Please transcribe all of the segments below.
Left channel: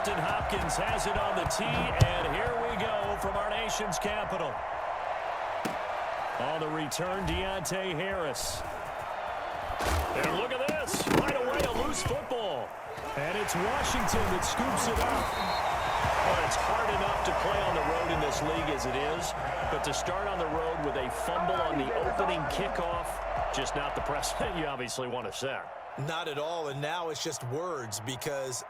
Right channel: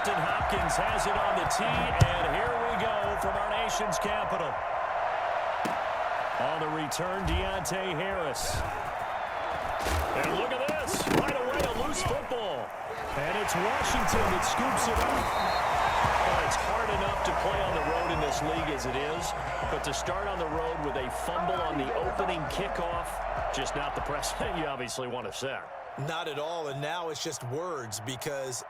Dustin Hopkins has it on the tee, and here we go from our nation's capital. On the return, Deontay Harris. And look at this. Right away, a loose football. And it's Washington that scoops it up. Well, it's hard enough to play on the road in this league as it is, but to start on the road with a fumble on the opening kickoff, just not the precedent you obviously want to set. Not at all, and now it's just words because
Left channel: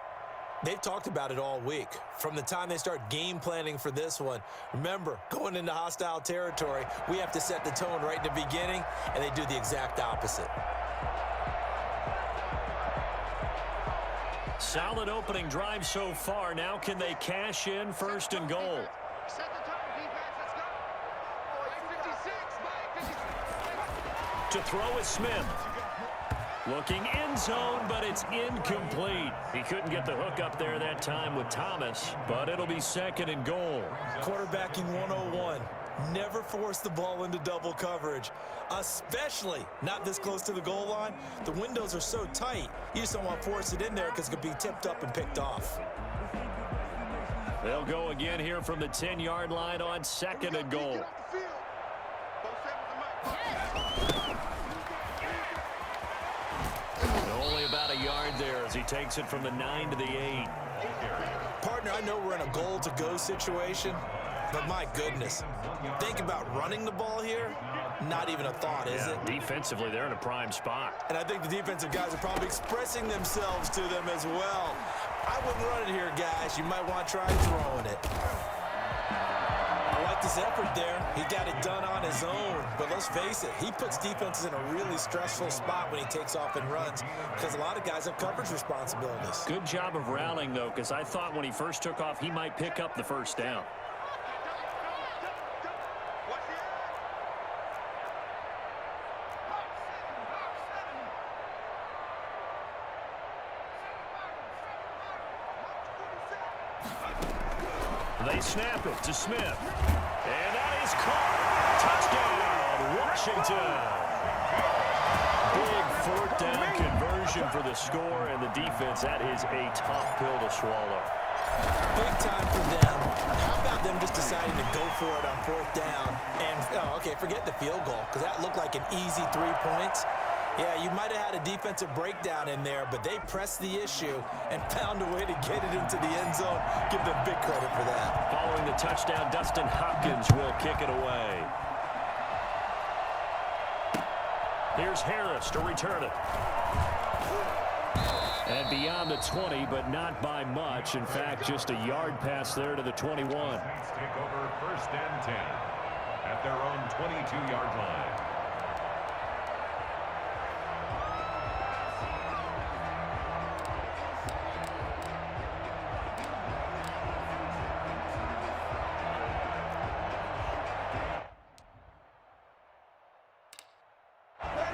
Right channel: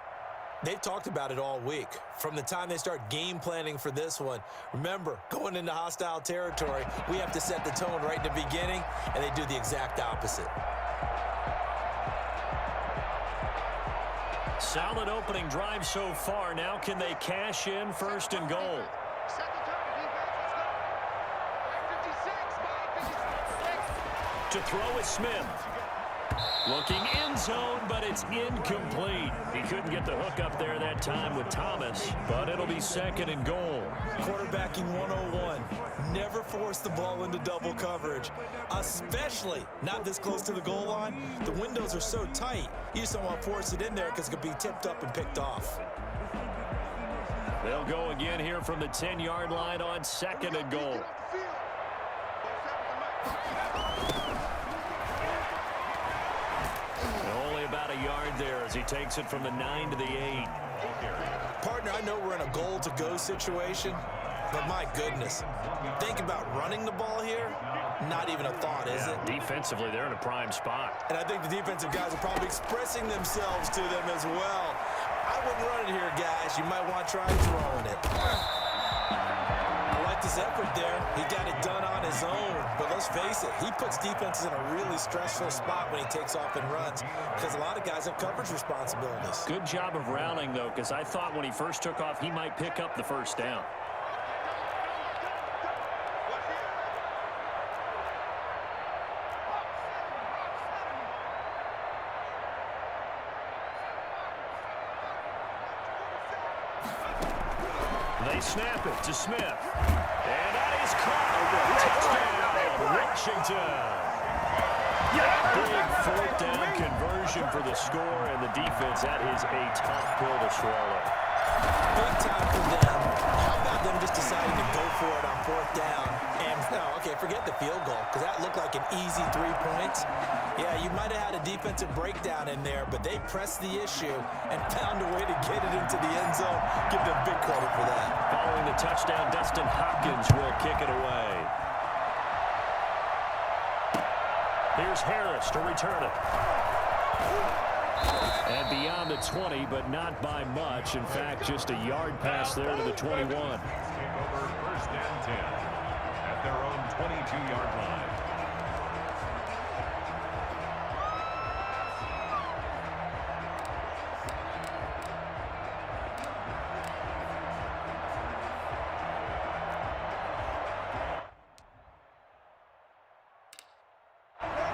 they've talked about it all week. From the time they start game planning for this one, remember, going into hostile territory, we have to set the tone right in the beginning, and they do the exact opposite. Solid opening drive so far. Now can they cash in 1st and goal? Set the tone, defense. Let's go. 56. To throw is Smith. Looking end zone, but it's incomplete. He couldn't get the hook up there that time with Thomas, but it'll be 2nd and goal. Quarterbacking 101. Never force the ball into double coverage, especially not this close to the goal line. The windows are so tight, you just don't want to force it in there because it could be tipped up and picked off. They'll go again here from the 10-yard line on 2nd and goal. Only about a yard there as he takes it from the 9 to the 8. Partner, I know we're in a goal-to-go situation, but my goodness, think about running the ball here. Not even a thought, is it? Defensively, they're in a prime spot. And I think the defensive guys are probably expressing themselves to them as well. I wouldn't run it here, guys. You might want to try throwing it. I like this effort there. He got it done on his own. But let's face it, he puts defenses in a really stressful spot when he takes off and runs because a lot of guys have coverage responsibilities. Good job of rallying, though, because I thought when he first took off, he might pick up the 1st down. They snap it to Smith. And that is caught. Touchdown, Washington. Big 4th down conversion for the score, and the defense, that is a tough pill to swallow. Big time for them. How about them just deciding to go for it on 4th down? And, okay, forget the field goal, because that looked like an easy 3 points. Yeah, you might have had a defensive breakdown in there, but they pressed the issue and found a way to get it into the end zone. Give them big credit for that. Following the touchdown, Dustin Hopkins will kick it away. Here's Harris to return it. And beyond the 20, but not by much. In fact, just a yard pass there to the 21. Take over 1st and 10 at their own 22-yard line.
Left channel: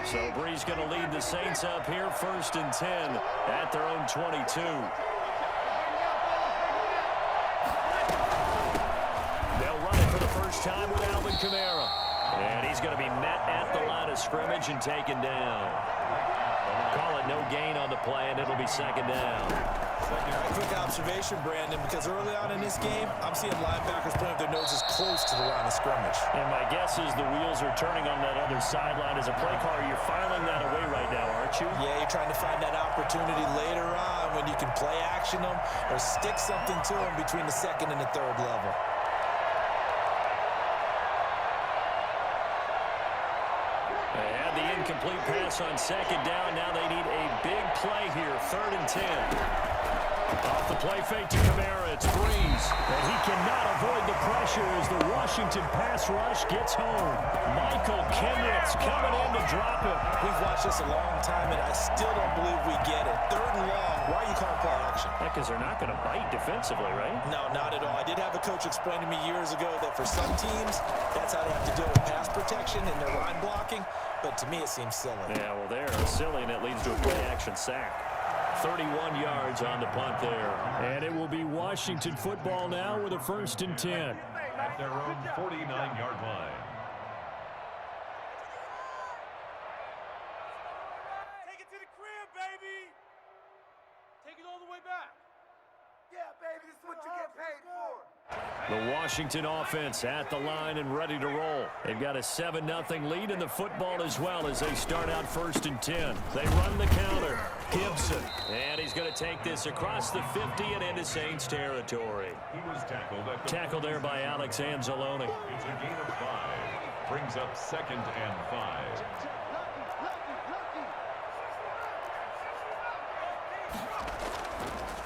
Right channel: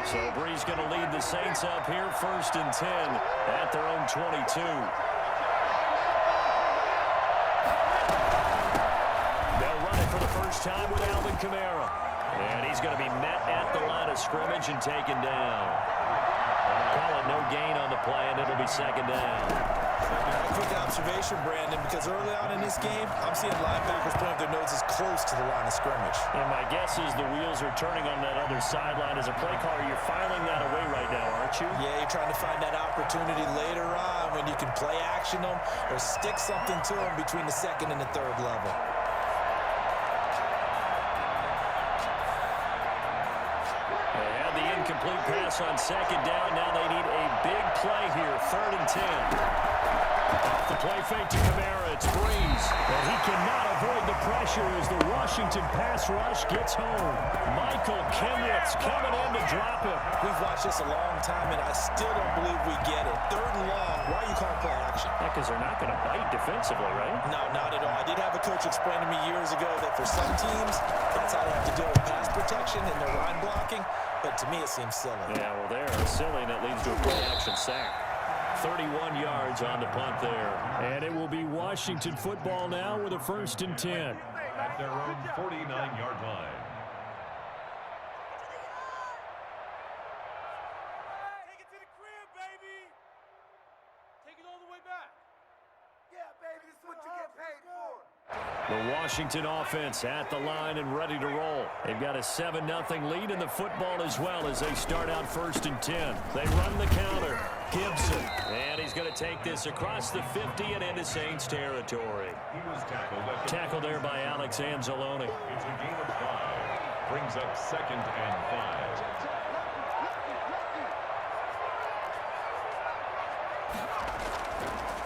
So Bree's going to lead the Saints up here 1st and 10 at their own 22. They'll run it for the first time with Alvin Kamara. And he's going to be met at the line of scrimmage and taken down. Call it no gain on the play, and it'll be 2nd down. A quick observation, Brandon, because early on in this game, I'm seeing linebackers pointing their noses close to the line of scrimmage. And my guess is the wheels are turning on that other sideline. As a play caller, you're filing that away right now, aren't you? Yeah, you're trying to find that opportunity later on when you can play action them or stick something to them between the 2nd and the 3rd level. They had the incomplete pass on 2nd down. Now they need a big play here, 3rd and 10. Off the play fake to Kamara, it's Breeze. And he cannot avoid the pressure as the Washington pass rush gets home. Michael Kendricks coming in to drop it. We've watched this a long time, and I still don't believe we get it. 3rd and long. Why are you calling play action? Yeah, because they're not going to bite defensively, right? No, not at all. I did have a coach explain to me years ago that for some teams, that's how they have to deal with pass protection and their line blocking. But to me, it seems silly. Yeah, well, they're silly, and it leads to a play action sack. 31 yards on the punt there. And it will be Washington football now with a 1st and 10. At their own 49-yard line. Take it to the crib, baby. Take it all the way back. Yeah, baby. The Washington offense at the line and ready to roll. They've got a 7-0 lead in the football as well as they start out 1st and 10. They run the counter. Gibson. And he's going to take this across the 50 and into Saints territory. He was tackled there by Alex Anzalone. It's a gain of 5. Brings up 2nd and 5.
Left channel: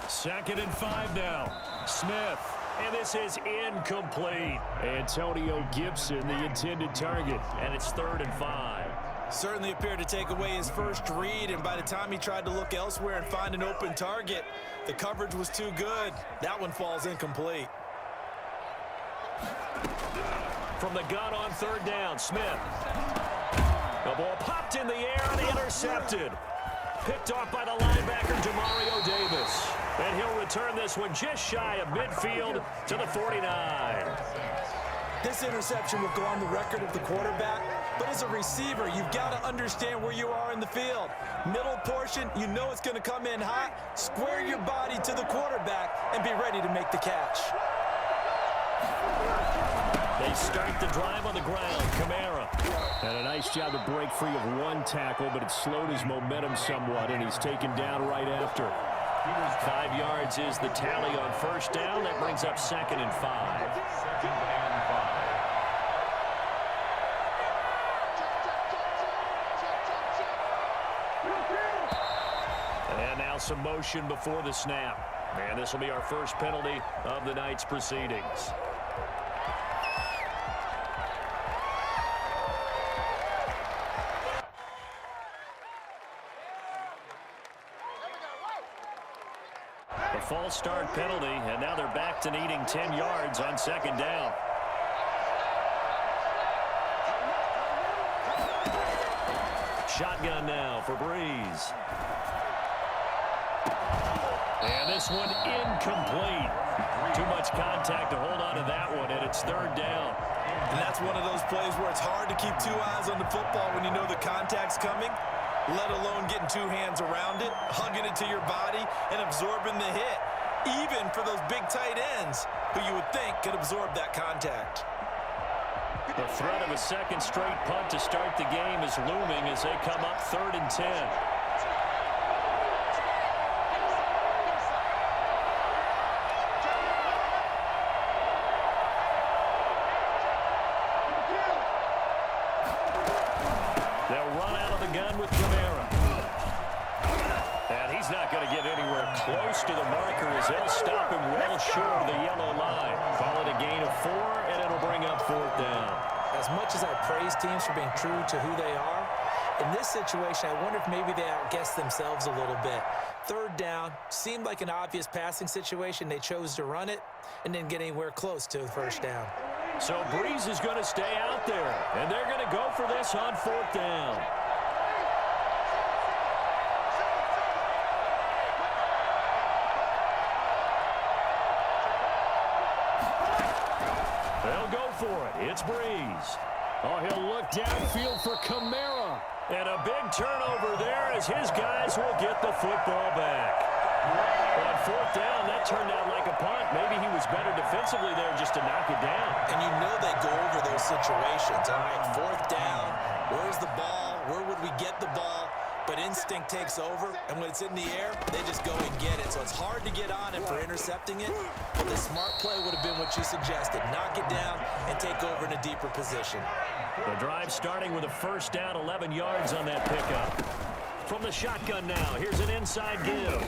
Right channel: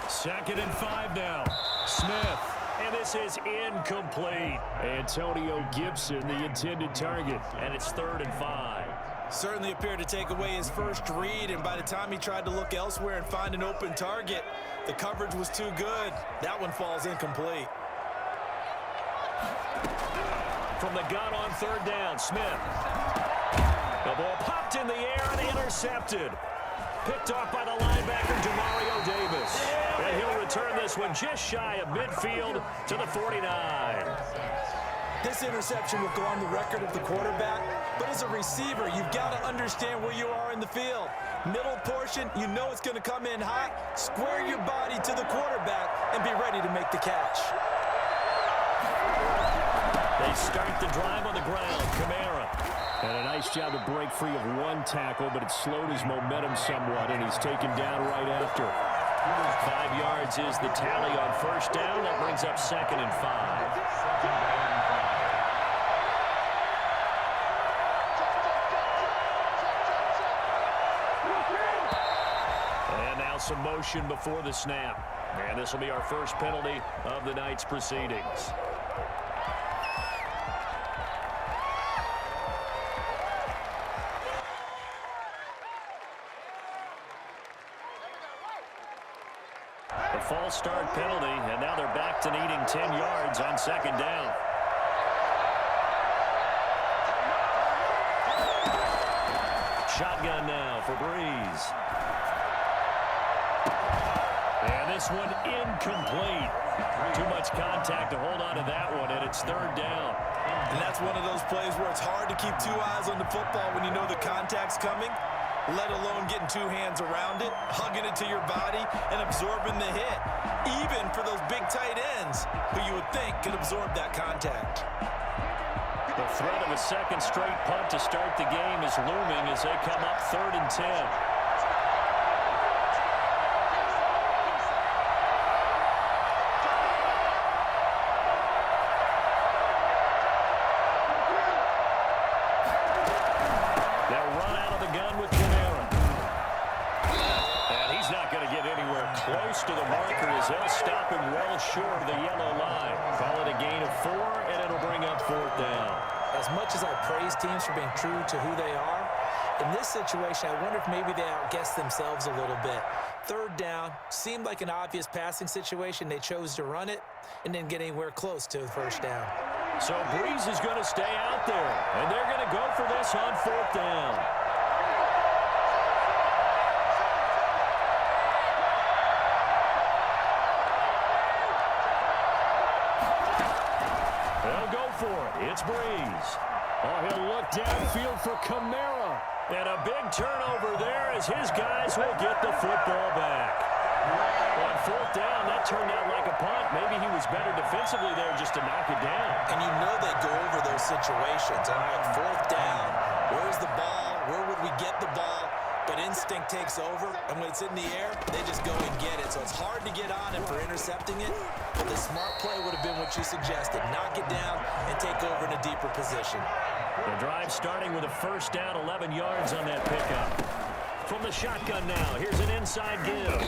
Second and 5 now. Smith. And this is incomplete. Antonio Gibson, the intended target. And it's 3rd and 5. Certainly appeared to take away his first read, and by the time he tried to look elsewhere and find an open target, the coverage was too good. That one falls incomplete. From the gun on 3rd down, Smith. The ball popped in the air and intercepted. Picked off by the linebacker, Demario Davis. And he'll return this one just shy of midfield to the 49. This interception will go on the record of the quarterback, but as a receiver, you've got to understand where you are in the field. Middle portion, you know it's going to come in hot. Square your body to the quarterback and be ready to make the catch. They start the drive on the ground. Kamara. And a nice job to break free of one tackle, but it slowed his momentum somewhat, and he's taken down right after. 5 yards is the tally on 1st down. That brings up 2nd and 5. 2nd and 5. And now some motion before the snap. And this will be our first penalty of the night's proceedings. A false start penalty, and now they're back to needing 10 yards on 2nd down. Shotgun now for Breeze. And this one incomplete. Too much contact to hold on to that one, and it's 3rd down. And that's one of those plays where it's hard to keep 2 eyes on the football when you know the contact's coming, let alone getting 2 hands around it, hugging it to your body, and absorbing the hit, even for those big tight ends who you would think could absorb that contact. The threat of a second straight punt to start the game is looming as they come up 3rd and 10. They'll run out of the gun with Kamara. And he's not going to get anywhere close to the marker as they'll stop him well short of the yellow line. Call it a gain of 4, and it'll bring up 4th down. As much as I praise teams for being true to who they are, in this situation, I wonder if maybe they outguessed themselves a little bit. 3rd down seemed like an obvious passing situation. They chose to run it and didn't get anywhere close to the 1st down. So Breeze is going to stay out there, and they're going to go for this on 4th down. They'll go for it. It's Breeze. Oh, he'll look downfield for Kamara. And a big turnover there as his guys will get the football back. On 4th down, that turned out like a punt. Maybe he was better defensively there just to knock it down. And you know they go over those situations. All right, 4th down, where's the ball? Where would we get the ball? But instinct takes over, and when it's in the air, they just go and get it. So it's hard to get on him for intercepting it, but the smart play would have been what you suggested. Knock it down and take over in a deeper position. The drive starting with a 1st down, 11 yards on that pickup. From the shotgun now, here's an inside give.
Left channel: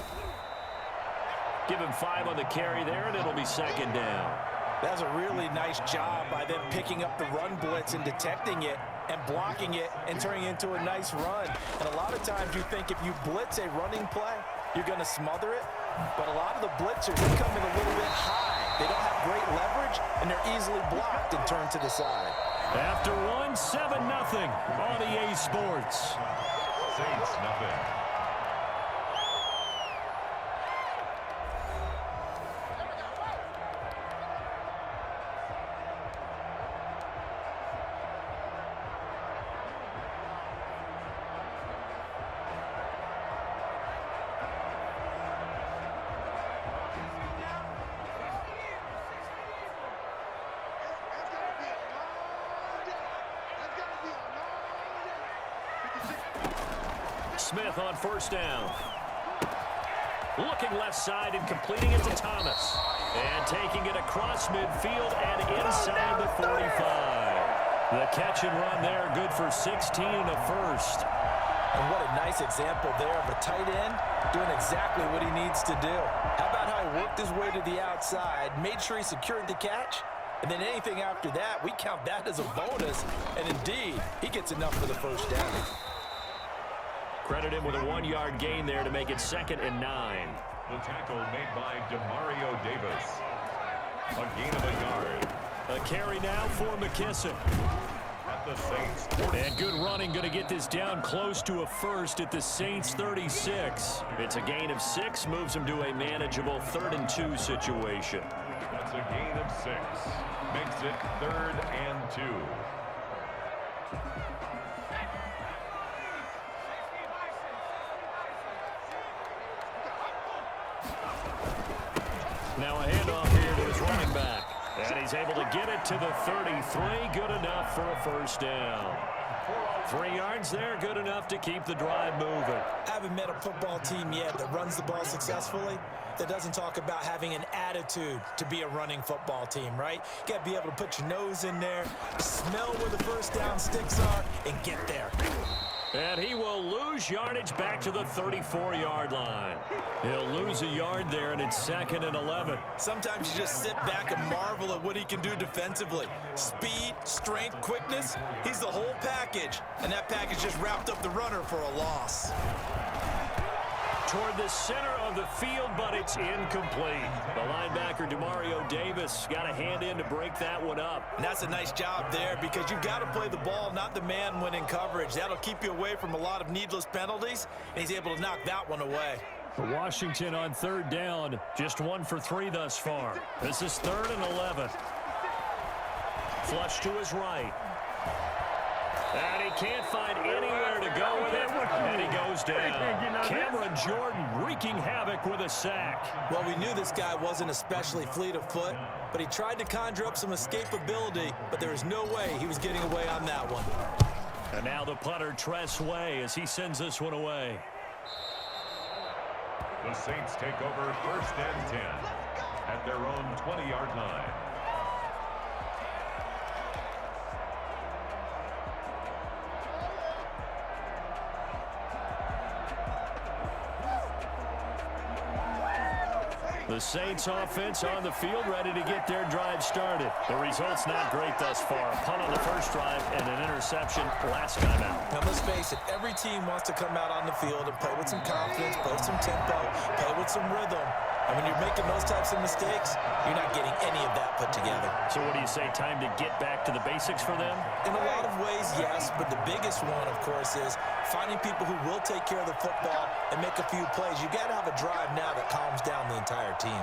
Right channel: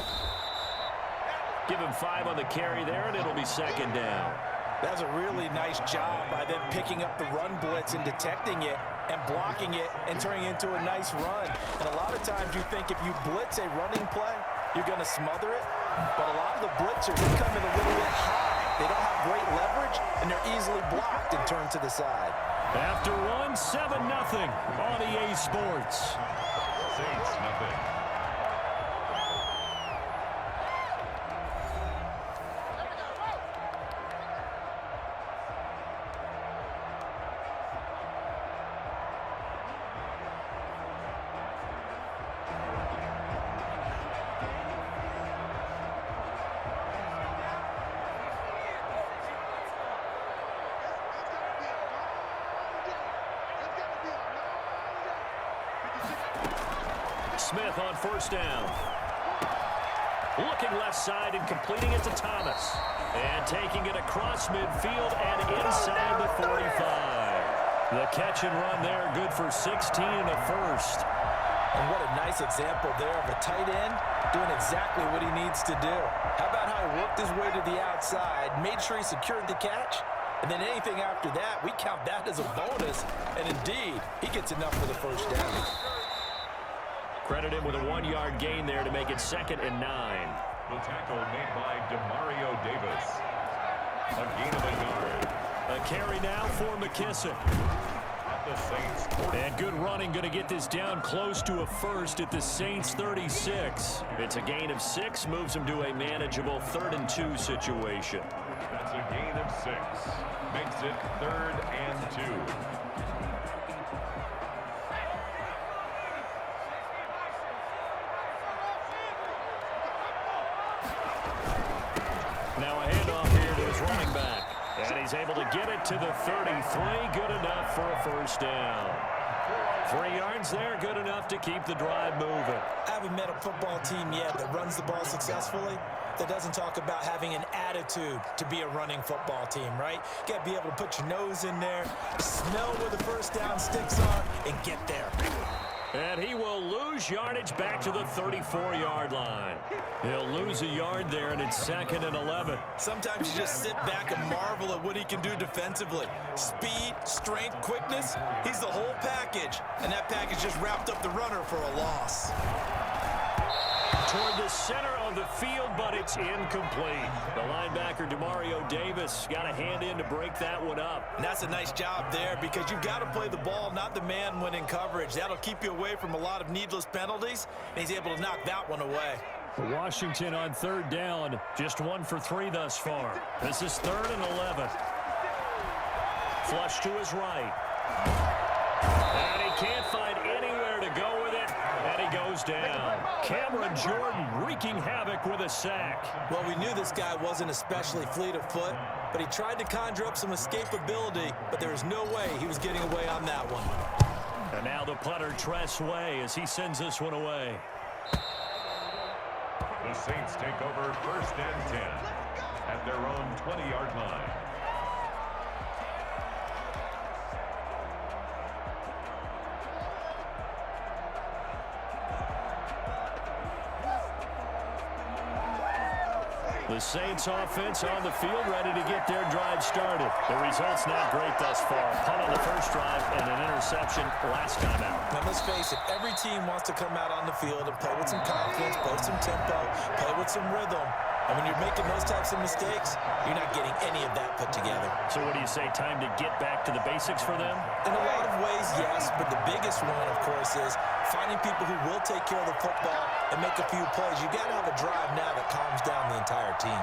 Give him 5 on the carry there, and it'll be 2nd down. That's a really nice job by them picking up the run blitz and detecting it and blocking it and turning it into a nice run. And a lot of times you think if you blitz a running play, you're going to smother it. But a lot of the blitzers, they come in a little bit high. They don't have great leverage, and they're easily blocked and turned to the side. After one, 7-0 on EA Sports. Saints nothing. Smith on first down. Looking left side and completing it to Thomas. And taking it across midfield and inside the 45. The catch and run there, good for 16 and a first. And what a nice example there of a tight end doing exactly what he needs to do. How about how he worked his way to the outside, made sure he secured the catch, and then anything after that, we count that as a bonus. And indeed, he gets enough for the first down. Credit him with a 1-yard gain there to make it 2nd and 9. The tackle made by Demario Davis. A gain of a yard. A carry now for McKissick. At the Saints. And good running, going to get this down close to a first at the Saints 36. It's a gain of 6, moves them to a manageable 3rd and 2 situation. That's a gain of 6. Makes it 3rd and 2. Now a handoff here to his running back. And he's able to get it to the 33. Good enough for a first down. 3 yards there, good enough to keep the drive moving. I haven't met a football team yet that runs the ball successfully that doesn't talk about having an attitude to be a running football team, right? You got to be able to put your nose in there, smell where the first down sticks are, and get there. And he will lose yardage back to the 34-yard line. He'll lose a yard there, and it's 2nd and 11. Sometimes you just sit back and marvel at what he can do defensively. Speed, strength, quickness, he's the whole package. And that package just wrapped up the runner for a loss. Toward the center of the field, but it's incomplete. The linebacker, Demario Davis, got a hand in to break that one up. And that's a nice job there because you've got to play the ball, not the man when in coverage. That'll keep you away from a lot of needless penalties, and he's able to knock that one away. Washington on 3rd down, just 1 for 3 thus far. This is 3rd and 11. Flush to his right. And he can't find anywhere to go with it, and he goes down. Cameron Jordan wreaking havoc with a sack. Well, we knew this guy wasn't especially fleet of foot, but he tried to conjure up some escapability, but there was no way he was getting away on that one. And now the punter, Tress Way, as he sends this one away. The Saints take over 1st and 10 at their own 20-yard line. The Saints offense on the field, ready to get their drive started. The result's not great thus far. Punt on the first drive and an interception last time out. Now, let's face it, every team wants to come out on the field and play with some confidence, play with some tempo, play with some rhythm. And when you're making those types of mistakes, you're not getting any of that put together. So what do you say, time to get back to the basics for them? In a lot of ways, yes, but the biggest one, of course, is finding people who will take care of the football and make a few plays. You got to have a drive now that calms down the entire team.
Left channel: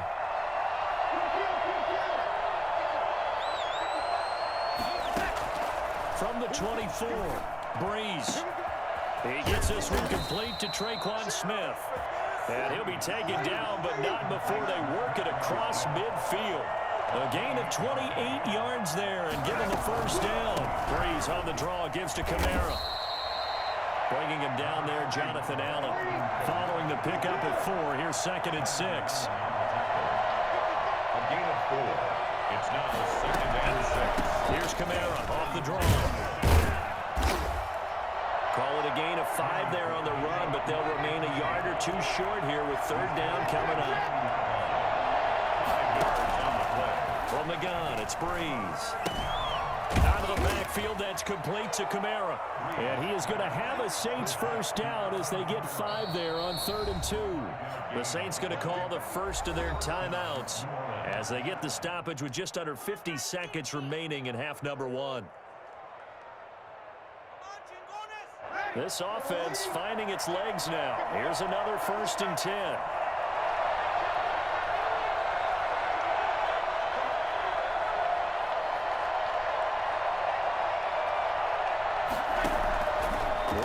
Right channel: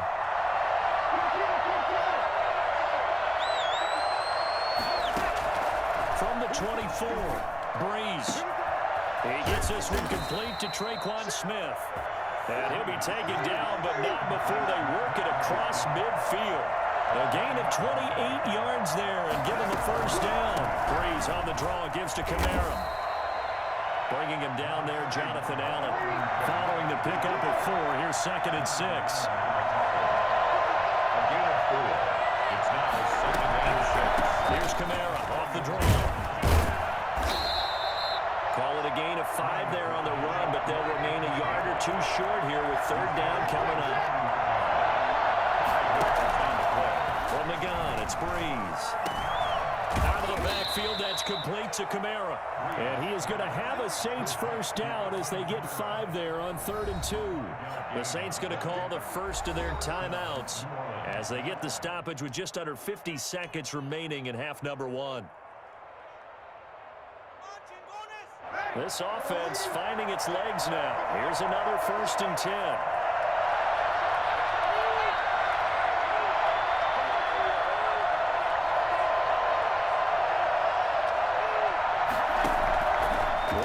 From the 24, Breeze. He gets this one complete to Traquan Smith. And he'll be taken down, but not before they work it across midfield. A gain of 28 yards there and give him a first down. Breeze on the draw, gives to Kamara. Bringing him down there, Jonathan Allen. Following the pickup of 4, here's 2nd and 6. A gain of 4. It's now 2nd and 6. Here's Kamara off the draw. Call it a gain of 5 there on the run, but they'll remain a yard or 2 short here with 3rd down coming up. 5 yards on the play. From the gun, it's Breeze. Out of the backfield, that's complete to Kamara. And he is going to have a Saints first down as they get 5 there on 3rd and 2. The Saints going to call the first of their timeouts as they get the stoppage with just under 50 seconds remaining in half number 1. This offense finding its legs now. Here's another 1st and 10.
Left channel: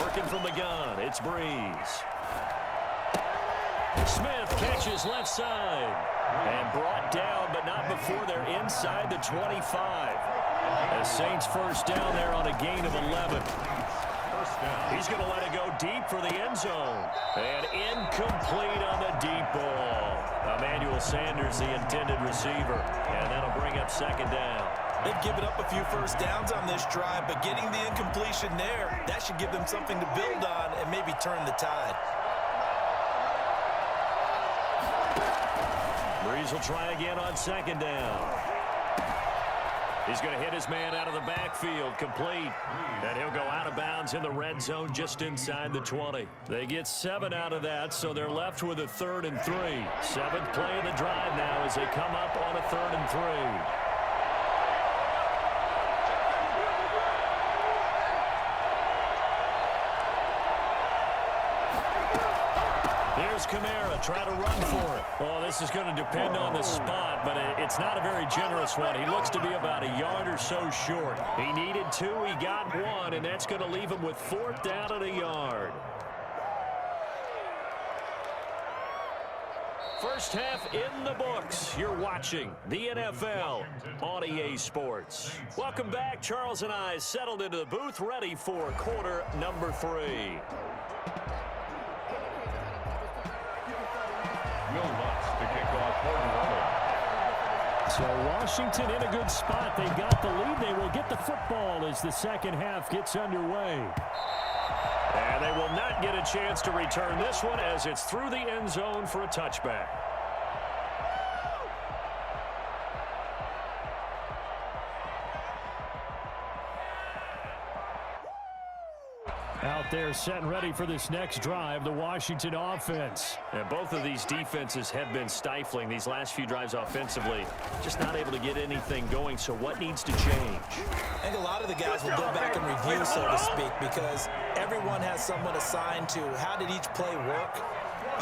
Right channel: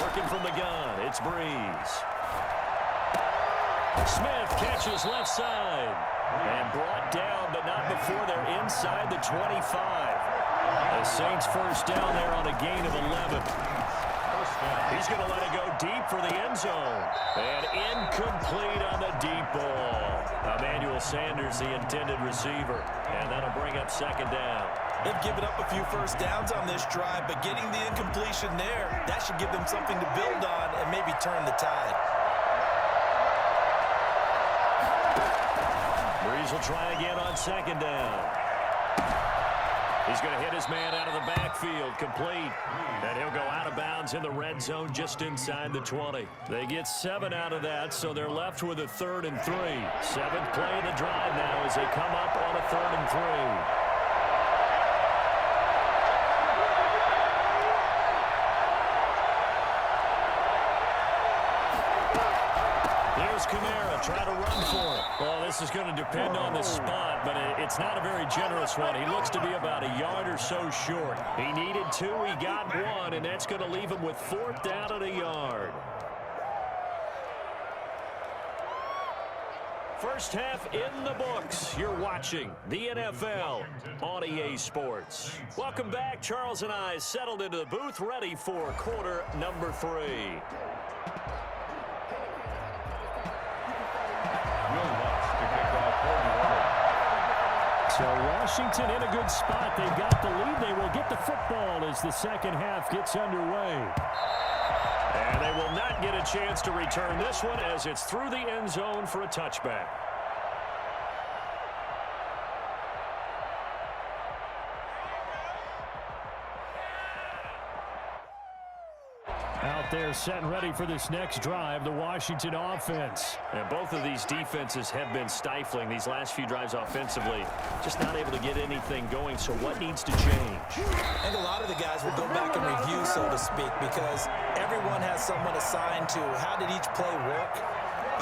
Working from the gun, it's Breeze. Smith catches left side. And brought down, but not before they're inside the 25. The Saints first down there on a gain of 11. first down. He's going to let it go deep for the end zone. And incomplete on the deep ball. Emmanuel Sanders, the intended receiver. And that'll bring up second down. They've given up a few first downs on this drive, but getting the incompletion there, that should give them something to build on and maybe turn the tide. Breeze will try again on second down. He's going to hit his man out of the backfield, complete. And he'll go out of bounds in the red zone just inside the 20. They get 7 out of that, so they're left with a 3rd and 3. 7th play of the drive now as they come up on a 3rd and 3. Here's Kamara, try to run for it. Oh, this is going to depend on the spot, but it's not a very generous one. He looks to be about a yard or so short. He needed 2, he got 1, and that's going to leave him with 4th down and a yard. First half in the books. You're watching the NFL on EA Sports. Welcome back. Charles and I settled into the booth, ready for quarter number 3. Will Lutz to kick off for New Orleans. So Washington in a good spot. They've got the lead. They will get the football as the second half gets underway. And they will not get a chance to return this one as it's through the end zone for a touchback. Out there set and ready for this next drive, the Washington offense. And both of these defenses have been stifling these last few drives offensively. Just not able to get anything going, so what needs to change? I think a lot of the guys will go back and review, so to speak, because everyone has someone assigned to how did each play work.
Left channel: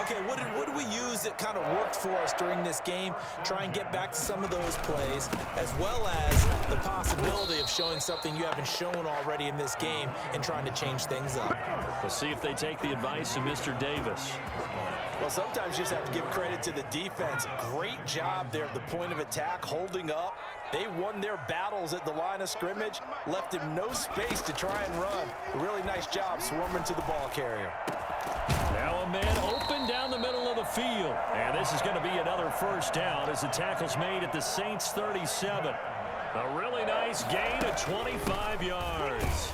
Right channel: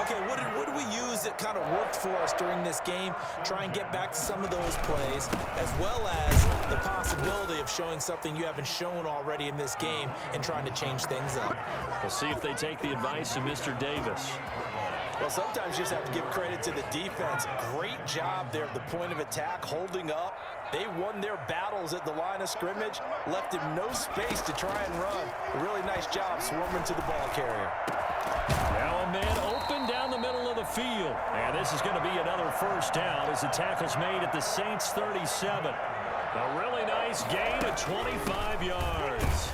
Okay, what did we use that kind of worked for us during this game? Try and get back to some of those plays, as well as the possibility of showing something you haven't shown already in this game and trying to change things up. We'll see if they take the advice of Mr. Davis. Well, sometimes you just have to give credit to the defense. Great job there at the point of attack, holding up. They won their battles at the line of scrimmage, left him no space to try and run. A really nice job swarming to the ball carrier. Now a man open down the middle of the field. And this is going to be another first down as the tackle's made at the Saints 37. A really nice gain of 25 yards.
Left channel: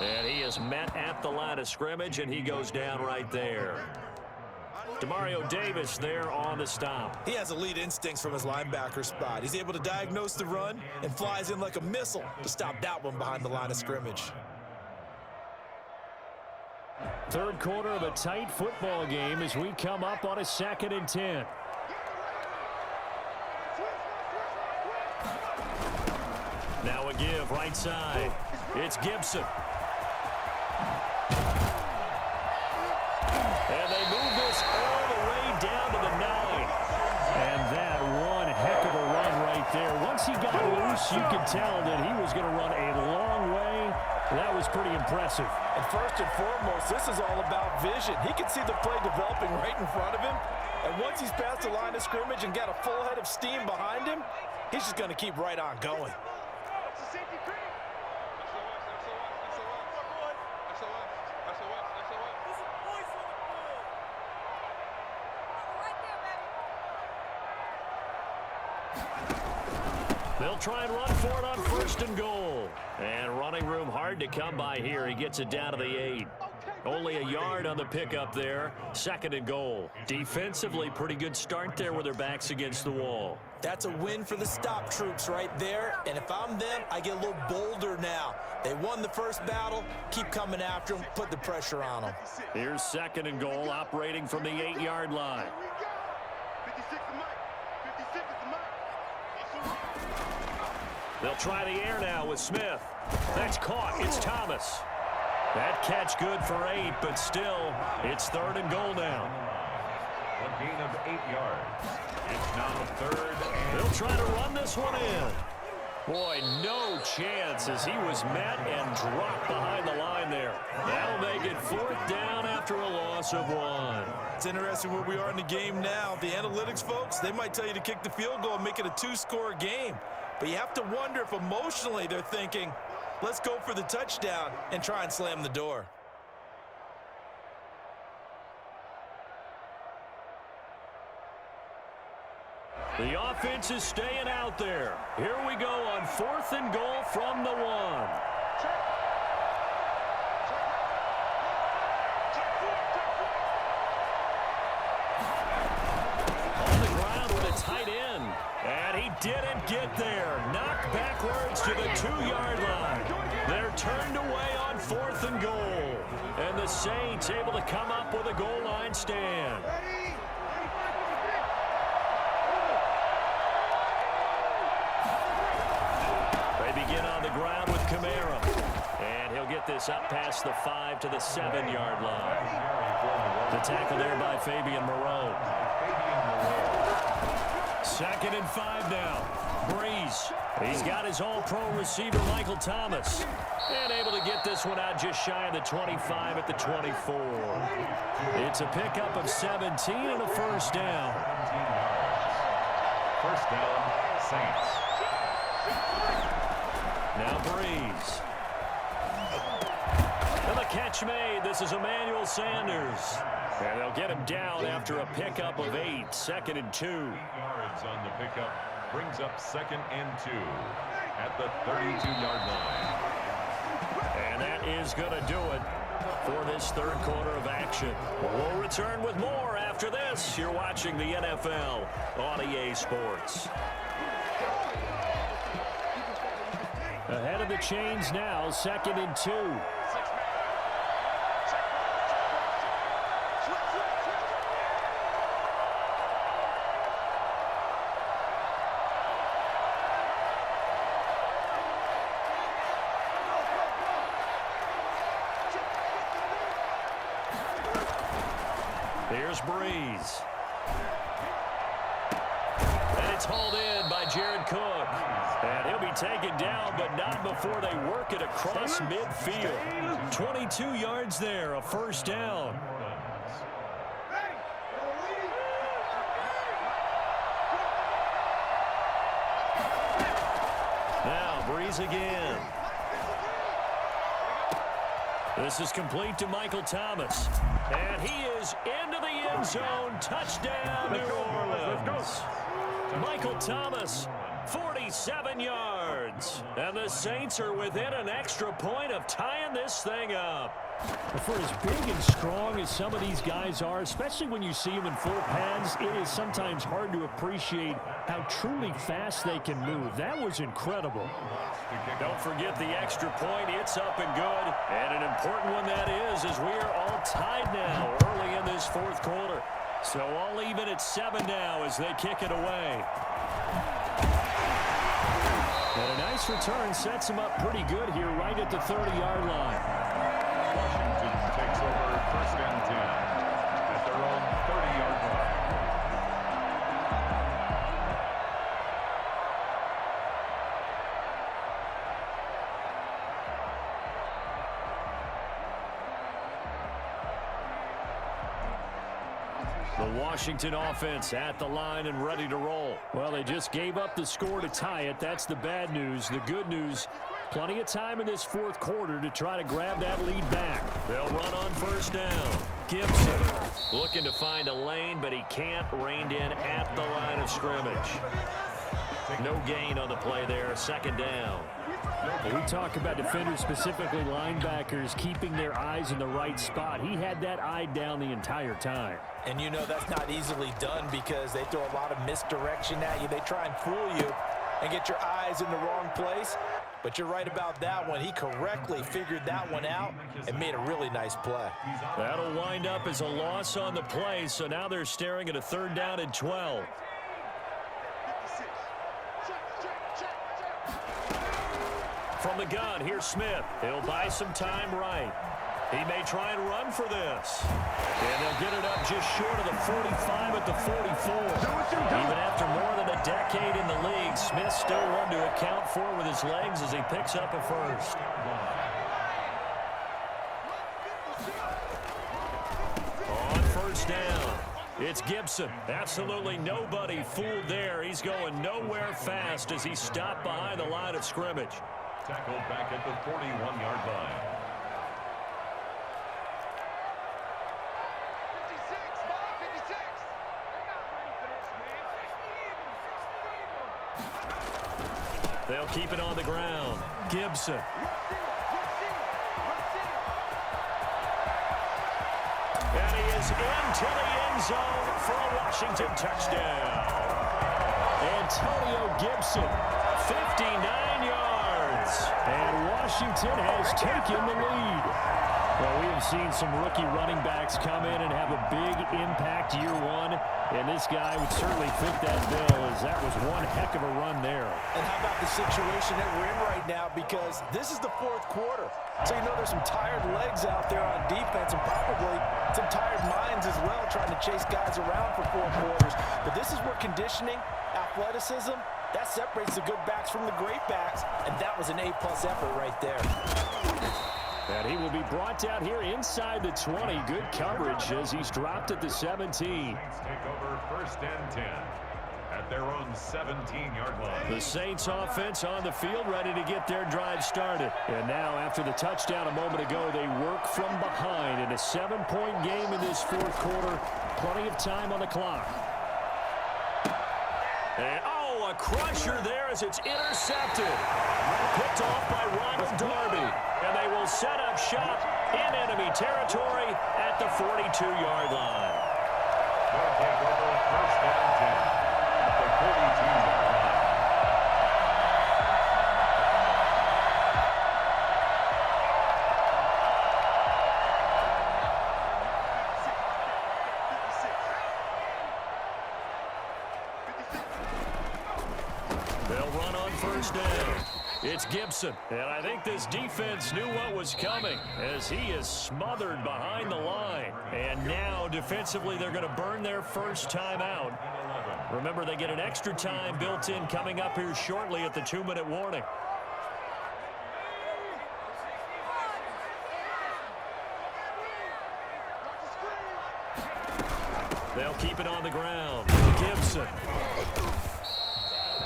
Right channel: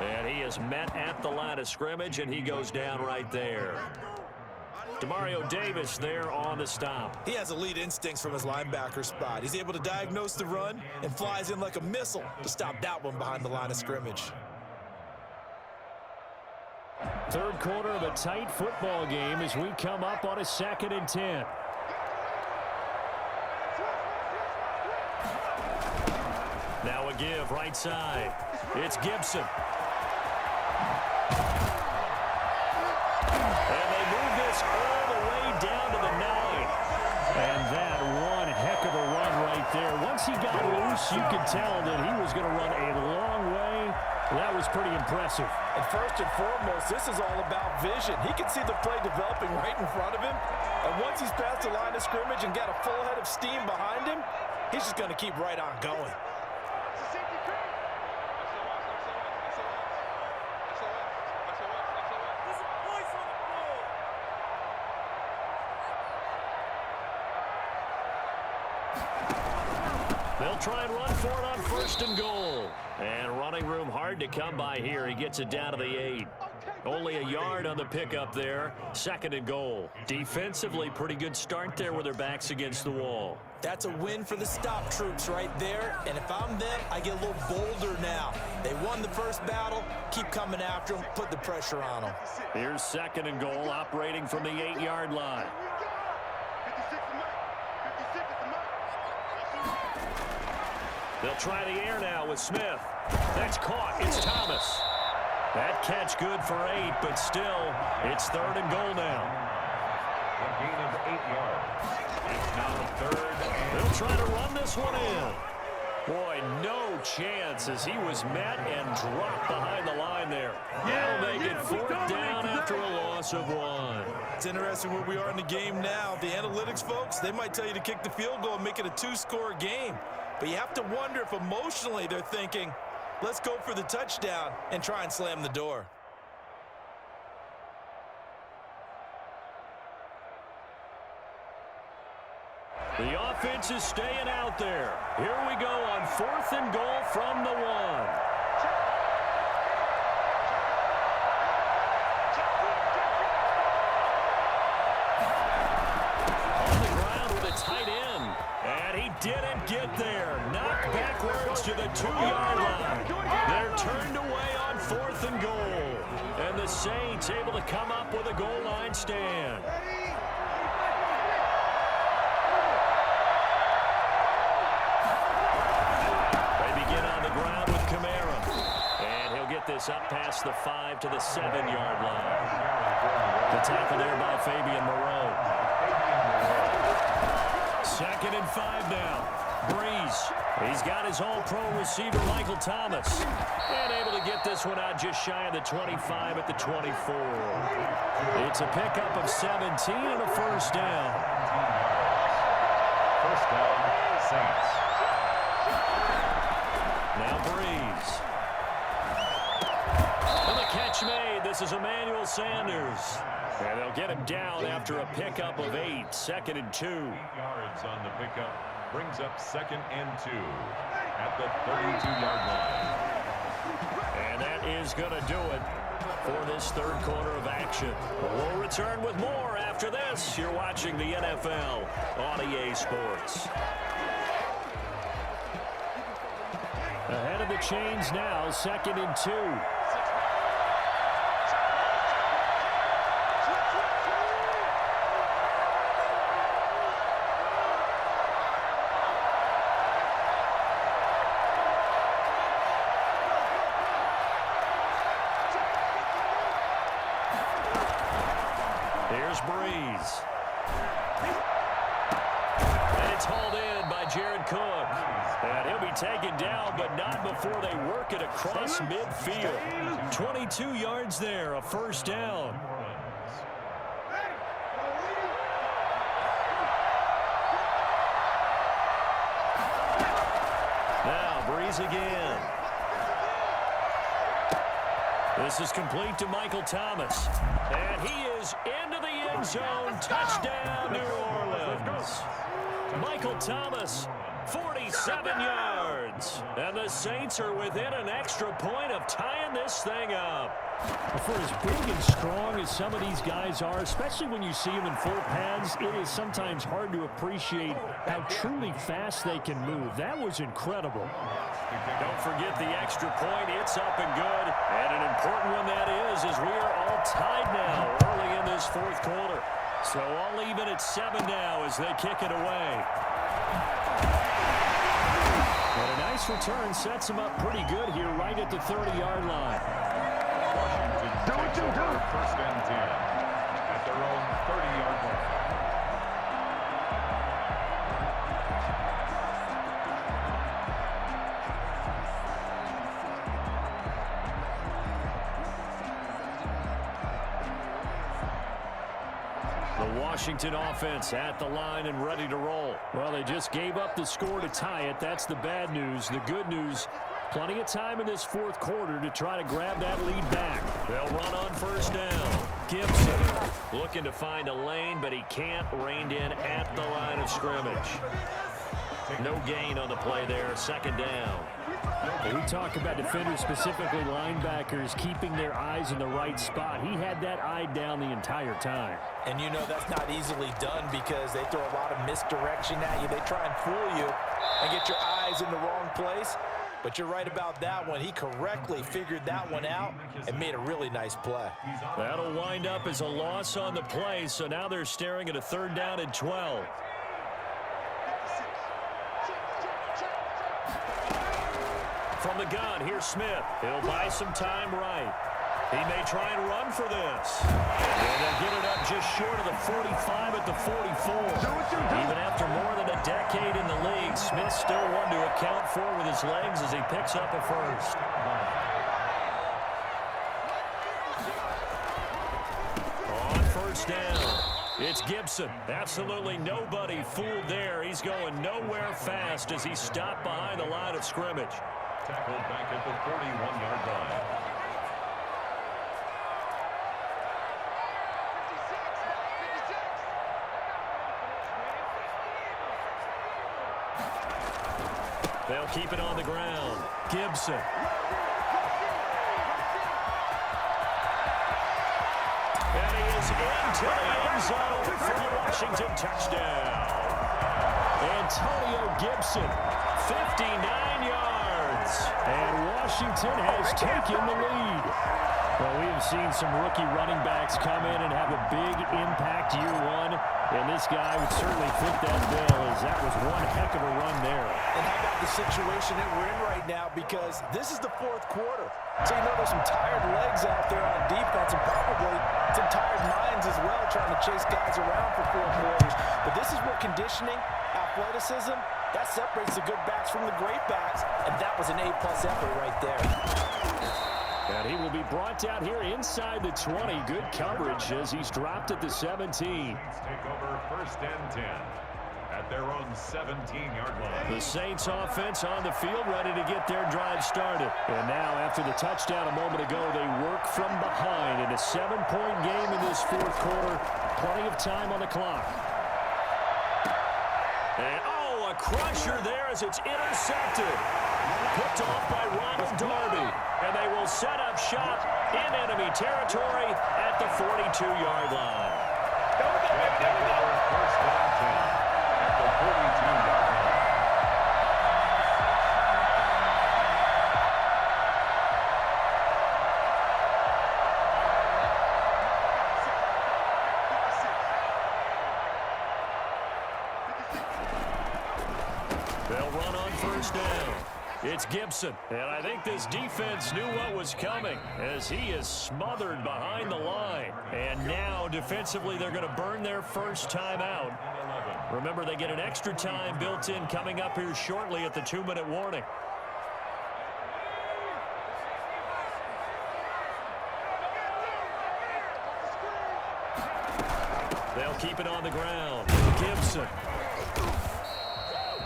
And he is met at the line of scrimmage, and he goes down right there. Demario Davis there on the stop. He has elite instincts from his linebacker spot. He's able to diagnose the run and flies in like a missile to stop that one behind the line of scrimmage. Third quarter of a tight football game as we come up on a 2nd and 10. Now a give right side. It's Gibson. And they move this all the way down to the 9. And that one heck of a run right there. Once he got loose, you could tell that he was going to run a long way. That was pretty impressive. And first and foremost, this is all about vision. He can see the play developing right in front of him. And once he's past the line of scrimmage and got a full head of steam behind him, he's just going to keep right on going. They'll try and run for it on 1st and goal. And running room hard to come by here. He gets it down to the 8. Only a yard on the pickup there. 2nd and goal. Defensively, pretty good start there with their backs against the wall. That's a win for the stop troops right there. And if I'm them, I get a little bolder now. They won the first battle. Keep coming after them. Put the pressure on them. Here's 2nd and goal, operating from the 8-yard line. They'll try the air now with Smith. That's caught. It's Thomas. That catch good for 8, but still, it's 3rd and goal now. A gain of 8 yards. It's now 3rd and... They'll try to run this one in. Boy, no chance as he was met and dropped behind the line there. That'll make it 4th down after a loss of 1. It's interesting where we are in the game now. The analytics folks, they might tell you to kick the field goal and make it a 2-score game. But you have to wonder if emotionally they're thinking, Let's go for the touchdown and try and slam the door. The offense is staying out there. Here we go on 4th and goal from the 1. On the ground with a tight end. And he didn't get there. Knocked backwards to the 2-yard line. They're turned away on 4th and goal. And the Saints able to come up with a goal line stand. They begin on the ground with Kamara. And he'll get this up past the 5 to the 7-yard line. The tackle there by Fabian Moreau. 2nd and 5 now. Breeze. He's got his all-pro receiver, Michael Thomas. And able to get this one out just shy of the 25 at the 24. It's a pickup of 17 and a first down. First down, Saints. Now Breeze. And the catch made. This is Emmanuel Sanders. And they'll get him down after a pickup of 8. 2nd and 2. 8 yards on the pickup. Brings up 2nd and 2 at the 32-yard line. And that is going to do it for this 3rd quarter of action. We'll return with more after this. You're watching the NFL on EA Sports. Ahead of the chains now, 2nd and 2. Here's Breeze. And it's hauled in by Jared Cook. And he'll be taken down, but not before they work it across midfield. 22 yards there, a first down. Now Breeze again. This is complete to Michael Thomas. And he is into the end zone. Touchdown, New Orleans. Michael Thomas, 47 yards. And the Saints are within an extra point of tying this thing up. For as big and strong as some of these guys are, especially when you see them in full pads, it is sometimes hard to appreciate how truly fast they can move. That was incredible. Don't forget the extra point. It's up and good. And an important one that is, as we are all tied now early in this 4th quarter. So all even at 7 now as they kick it away. And a nice return sets them up pretty good here right at the 30-yard line. Washington takes over 1st and 10 at their own 30-yard line. The Washington offense at the line and ready to roll. Well, they just gave up the score to tie it. That's the bad news. The good news, plenty of time in this 4th quarter to try to grab that lead back. They'll run on first down. Gibson looking to find a lane, but he can't. Reined in at the line of scrimmage. No gain on the play there. 2nd down. We talk about defenders, specifically linebackers, keeping their eyes in the right spot. He had that eye down the entire time. And you know that's not easily done because they throw a lot of misdirection at you. They try and fool you and get your eyes in the wrong place. But you're right about that one. He correctly figured that one out and made a really nice play. That'll wind up as a loss on the play, so now they're staring at a 3rd down and 12. From the gun, here's Smith. He'll buy some time right. He may try and run for this. And they'll get it up just short of the 45 at the 44. Even after more than a decade in the league, Smith still one to account for with his legs as he picks up a first. On first down, it's Gibson. Absolutely nobody fooled there. He's going nowhere fast as he stopped behind the line of scrimmage. tackled back at the 41-yard line. 56, Mike, 56. They're not ready for this, man. They'll keep it on the ground. Gibson. And he is into the end zone for a Washington touchdown. Antonio Gibson, 59 yards. And Washington has taken the lead. Well, we have seen some rookie running backs come in and have a big impact year one. And this guy would certainly fit that bill, as that was one heck of a run there. And how about the situation that we're in right now? Because this is the fourth quarter. So you know there's some tired legs out there on defense and probably some tired minds as well trying to chase guys around for 4 quarters. But this is where conditioning, athleticism, that separates the good backs from the great backs. And that was an A-plus effort right there. And he will be brought out here inside the 20. Good coverage as he's dropped at the 17. Saints take over 1st and 10 at their own 17-yard line. The Saints offense on the field, ready to get their drive started. And now, after the touchdown a moment ago, they work from behind in a 7-point game in this fourth quarter. Plenty of time on the clock. And, a crusher there as it's intercepted. Picked off by Ronald Darby. And they will set up shop in enemy territory at the 42-yard line. They'll take over 1st and 10 at the 42-yard line. They'll run on 1st down. It's Gibson, and I think this defense knew what was coming as he is smothered behind the line. And now, defensively, they're going to burn their first time out. Remember, they get an extra time built in coming up here shortly at the 2-minute warning. They'll keep it on the ground. Gibson.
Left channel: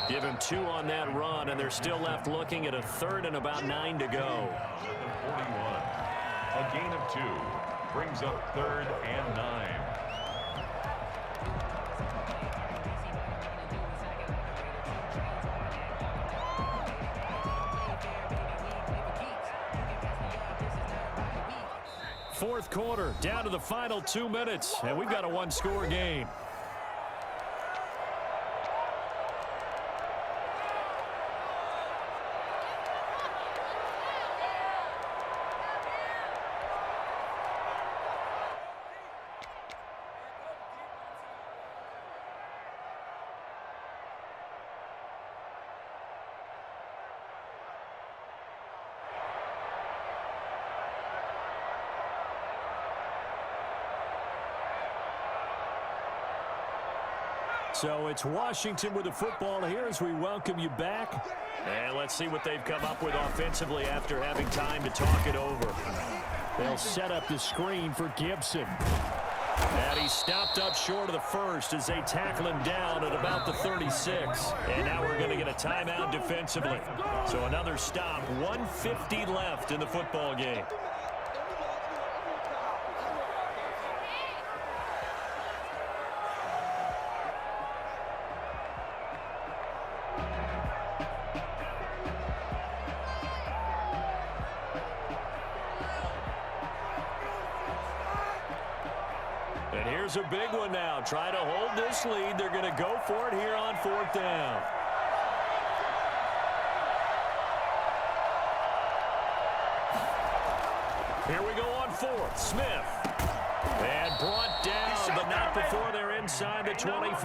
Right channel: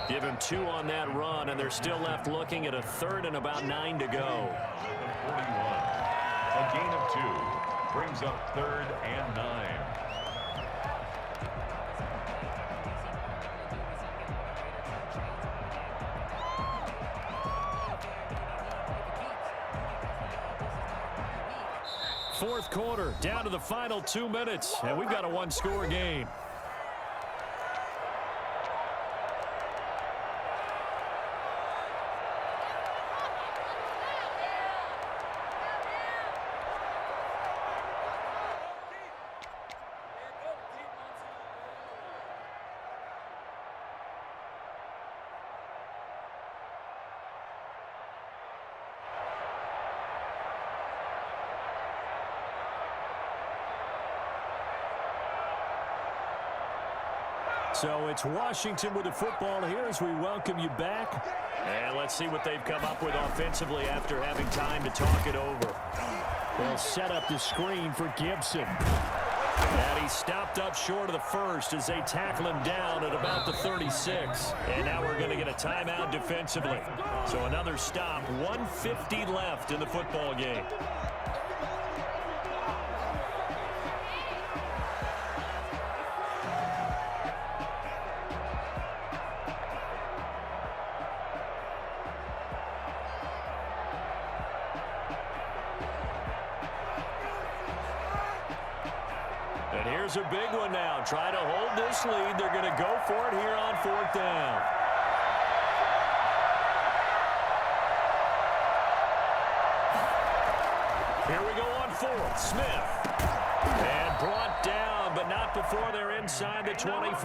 Give him 2 on that run, and they're still left looking at a 3rd and about 9 to go. The 41. A gain of 2 brings up 3rd and 9. Fourth quarter, down to the final 2 minutes, and we've got a 1-score game. So it's Washington with the football here as we welcome you back. And let's see what they've come up with offensively after having time to talk it over. They'll set up the screen for Gibson. And he stopped up short of the first as they tackle him down at about the 36. And now we're going to get a timeout defensively. So another stop, 1:50 left in the football game. And here's a big one now. Try to hold this lead. They're going to go for it here on 4th down. Here we go on 4th. Smith. And brought down, but not before they're inside the 25.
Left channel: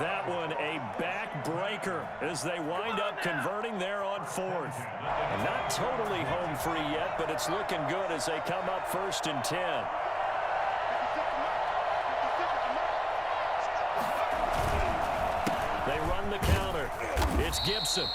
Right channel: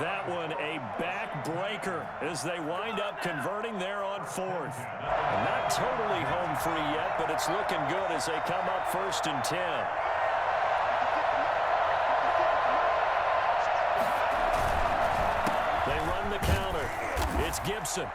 That one a backbreaker as they wind up converting there on 4th. Not totally home free yet, but it's looking good as they come up 1st and 10. They run the counter. It's Gibson.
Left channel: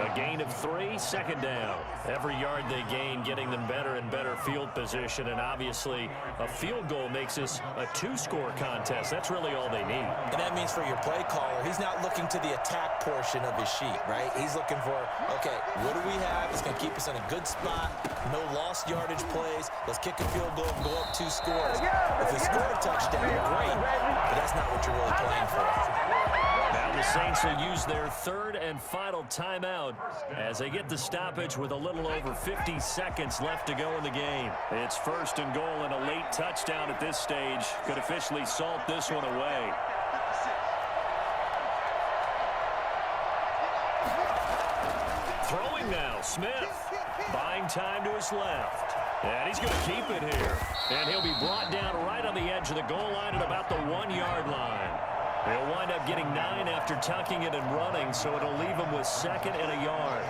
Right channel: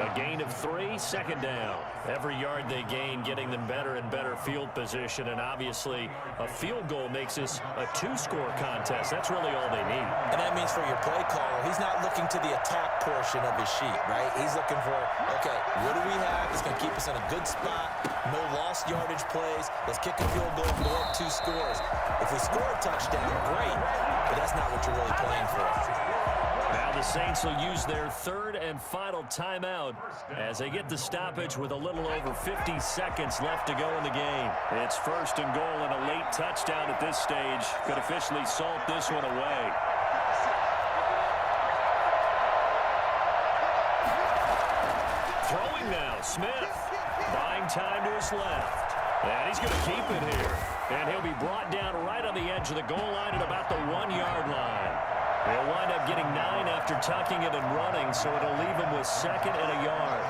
A gain of 3, second down. Every yard they gain, getting them better and better field position, and obviously a field goal makes this a 2-score contest. That's really all they need. And that means for your play caller, he's not looking to the attack portion of his sheet, right? He's looking for, okay, what do we have that's going to keep us in a good spot? No lost yardage plays. Let's kick a field goal and go up 2 scores. If we score a touchdown, great, but that's not what you're really playing for. Now the Saints will use their third and final timeout as they get the stoppage with a little over 50 seconds left to go in the game. It's first and goal, and a late touchdown at this stage could officially salt this one away. Throwing now, Smith. Buying time to his left. And he's going to keep it here. And he'll be brought down right on the edge of the goal line at about the 1-yard line. He'll wind up getting 9 after tucking it and running, so it'll leave him with 2nd and a yard.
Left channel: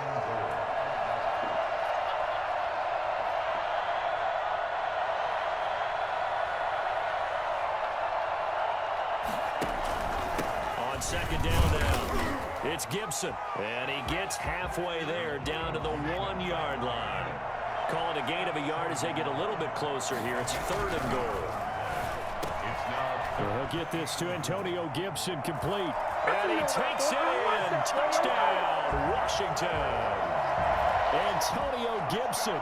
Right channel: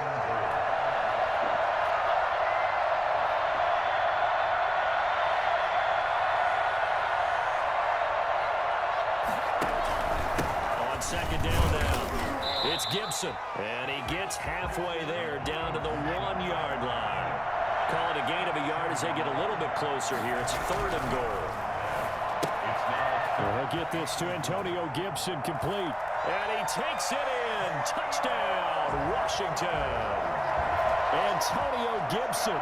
On 2nd down now, it's Gibson, and he gets halfway there down to the 1-yard line. Call it a gain of a yard as they get a little bit closer here. It's 3rd and goal. He'll get this to Antonio Gibson, complete. And he takes it in. Touchdown, Washington. Antonio Gibson.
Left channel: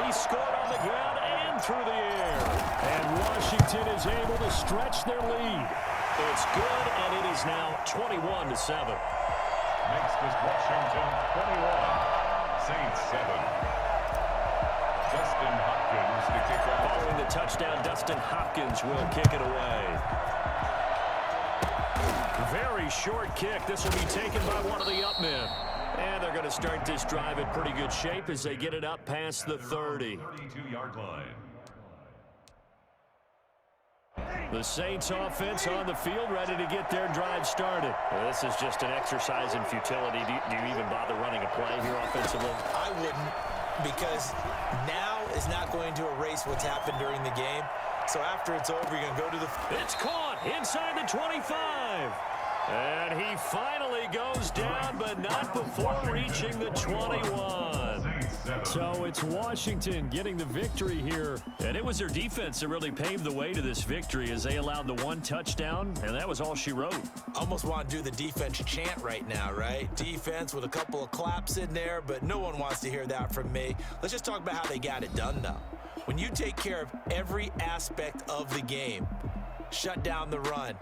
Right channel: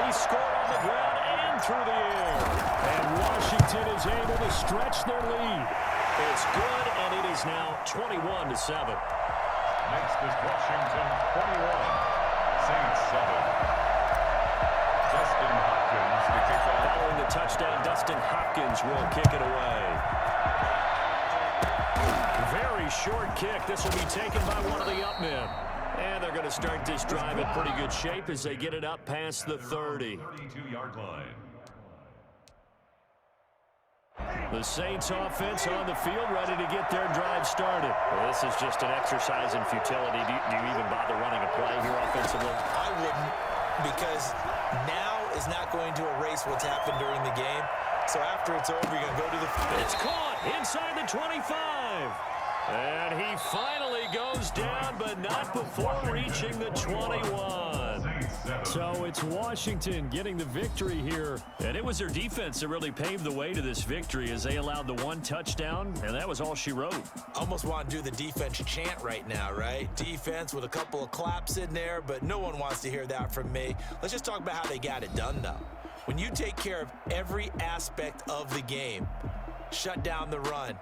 He scored on the ground and through the air. And Washington is able to stretch their lead. It's good, and it is now 21-7. Next is Washington 21, Saints 7. Dustin Hopkins to kick off. Following the touchdown, Dustin Hopkins will kick it away. Very short kick. This will be taken by one of the up men. And they're going to start this drive in pretty good shape as they get it up past the 30. 32-yard line. The Saints offense on the field, ready to get their drive started. Well, this is just an exercise in futility. Do you even bother running a play here offensively? I wouldn't, because now is not going to erase what's happened during the game. So after it's over, you're going to go to the... It's caught inside the 25. And he finally goes down, but not before reaching the 21. So it's Washington getting the victory here. And it was their defense that really paved the way to this victory as they allowed the 1 touchdown, and that was all she wrote. Almost want to do the defense chant right now, right? Defense with a couple of claps in there, but no one wants to hear that from me. Let's just talk about how they got it done, though. When you take care of every aspect of the game, shut down the run,